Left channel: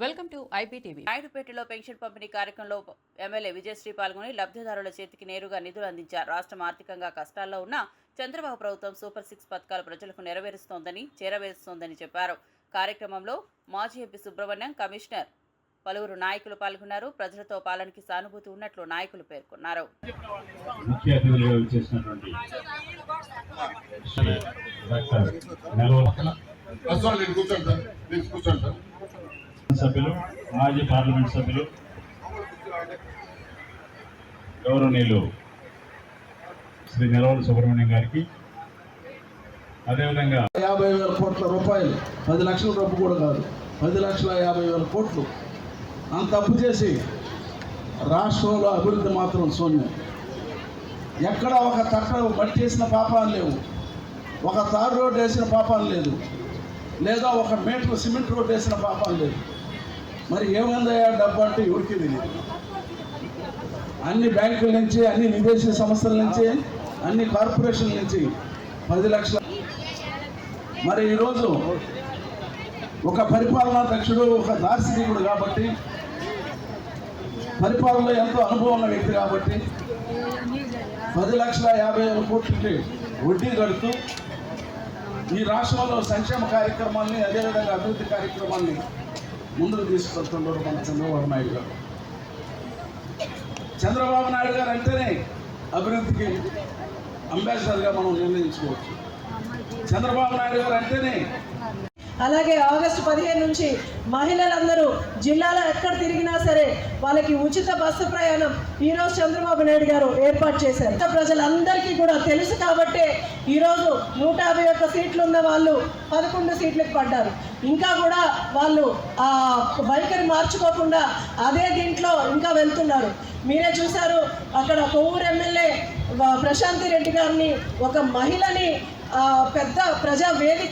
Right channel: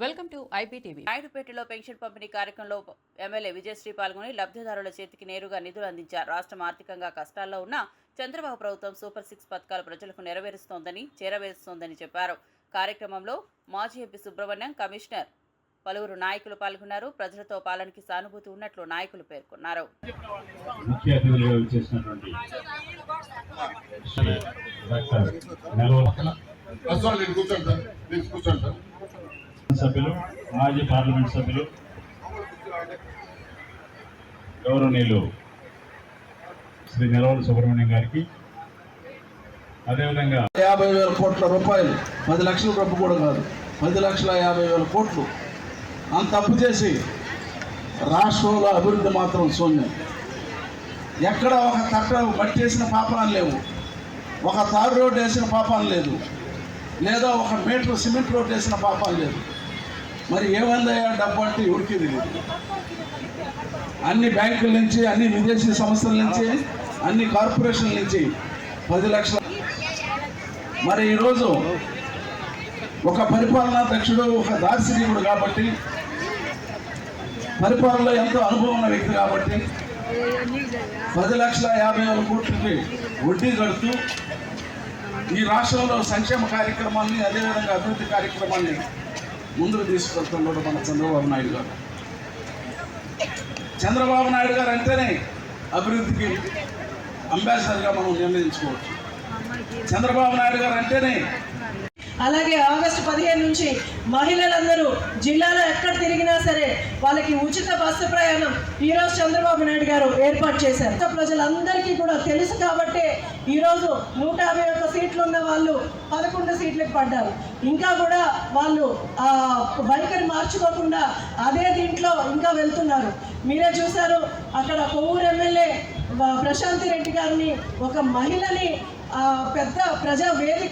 Welcome to IPTV. నాయుడుపేటలో pension పంపిణీ కార్యక్రమంలో MLA Vijayasri పాల్గొని లబ్ధిదారుల చేతికి నేరుగా నిధులు అందించారు. రాష్ట్రం ఆర్థికంగా కష్టాల్లో ఉన్న చంద్రబాబు ప్రభుత్వం సూపర్ సిక్స్ పథకాలు ప్రజలకు నెరవేరుస్తోందని చేరవేరుస్తోందని చెప్పారు. కార్యక్రమంలో మాజీ ఎంపీ సుబ్రహ్మణ్యం కమిషనర్ పలువురు నాయకులు పాల్గొన్నారు. ప్రజలతో పాలనకి సానుభూతి ఉన్నట్లు నాయకులు పేర్కొన్నారు. కూర్చోండి సార్ నేను కూర్చోండి సార్ సభ్యులు మాజీ పార్లమెంట్ సభ్యులు గౌరవనీయులు శ్రీ నెలవల సుబ్రహ్మణ్యం గారికి. అదేవిధంగా యాభై వేల కోట్ల రూపాయలు పది లక్షల డబ్బు కూడా కాదు. పది లక్షల యాభై వేల కోట్లు. అంత అప్పు చేసి రాష్ట్రంలో అభివృద్ధి మాత్రం శూన్యం. ఎక్కడ ఒక తట్ట బట్టి వేసిన పాపాలు లేవు. ఒక తారు రోడ్డు వేసిన పాపాలు లేదు. లేదా ఒక మీటర్ సిమెంట్ రోడ్డు వేసిన పాపాలు లేదు. మరి ఏమందయ్యా? డబ్బు అంటే ఎవరికి తెలియదు అన్ని బ్యాంకుల నుంచి అన్ని విదేశీ సంస్థల నుంచి అన్ని కార్పొరేషన్ల నుంచి పది లక్షల మరి ఈరోజు ఒక పరిపాలనా దక్షుడు ఒక దార్శనికుడు కాబట్టి పరిపాలనలో ఎంతో అనుభవం ఉన్న వ్యక్తి కాబట్టి పది లక్షల యాభై వేల కోట్లకి వడ్డీ కడుతూ ఈ రాష్ట్రంలో సంక్షేమ కార్యక్రమాన్ని అదేవిధంగా అభివృద్ధి కార్యక్రమాన్ని ముందుకు తీసుకెళ్తున్నాడు మన చంద్రబాబు నాయుడు గారు. చంద్రబాబు నాయుడు గారు అంటేనే అభివృద్ధికి అంబాసిడర్గా మనం నిర్ణయించుకోవచ్చు. చంద్రబాబు నాయుడు గారు అంటేనే అలాగే ఆగస్టు పదిహేను నుంచి మహిళలందరూ జిల్లాలో ఎక్కడ తిరిగినా సరే వాళ్ళకి ఉచిత బస్సు ప్రయాణం ఈరోజు చంద్రబాబు నాయుడు గారు ఏర్పాటు చేశారు. ఇంకా ప్రజలందరికీ కూడా తెలుసు కాబట్టే ఈరోజు నూట యాభై ఒక్క సీట్లు వాళ్ళు పదకొండు సీట్లకు పడ్డారు. ఇంకా కూడా వాళ్ళు ఆ వైఖరి మార్చుకోకుండా అదే దీంట్లో ఇంకా వెళ్తున్నారు. మీరే చూశారు అక్కడ కొవ్వూరు ఎమ్మెల్యే ప్రశాంతి రెడ్డి గారిని ఒక మహిళని ఆ, పెద్ద ప్రజా వేదిక